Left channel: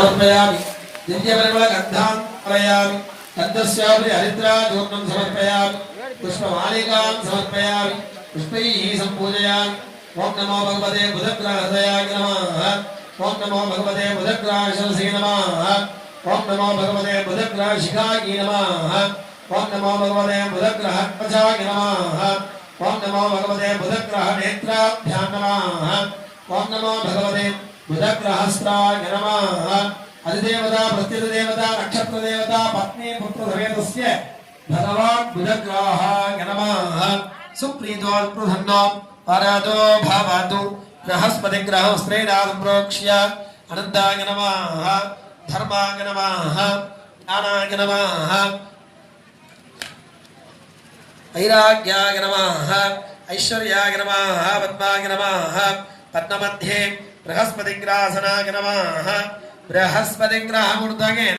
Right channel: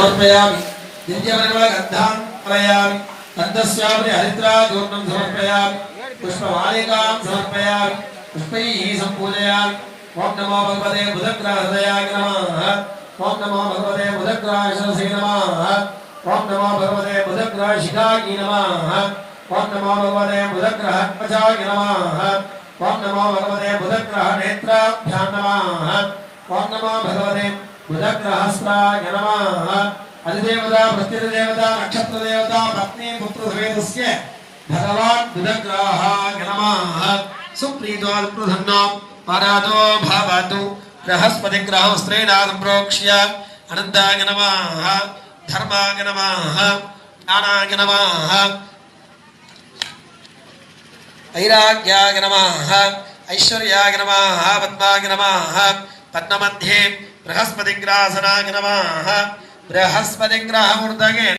समर्पयामि दिव्यपरिमलगन्धान् कारयामि गन्धस्यापि हरिद्राचूर्णं समर्पयामि पुष्पमालिकां समर्पयामि पुष्पैः सम्पूजयामि ओम नमो भगवते बुधग्राहृदयाय नमः ओम नमो भगवते बुधग्राहशनसे नमः ओम नमो भगवते बुधग्राहशिखाय नमः ओम नमो भगवते बुधग्राहत्वचाय नमः ओम नमो भगवते बुधग्राहनेत्राभ्यां नमः ओम नमो भगवते बुधग्राहस्त्राय नमः अधिदेवता प्रत्यधिदेवता नक्षत्रदेवता पत्नी पुत्रसमेतस्य भगवान् बुधग्राहाय नमः सुप्रीतोऽल्पधन्नां परातो भवतु बृहस्पतिग्रहं स्त्रीणां प्रोक्ष्य अनन्ताय नमः धर्माय नमः ज्ञानाय नमः ऐराग्याय नमः ऐश्वर्याय नमः पद्माय नमः पद्ममध्ये बृहस्पतिग्रासनाय नमः बृहस्पतिग्रहमूर्तये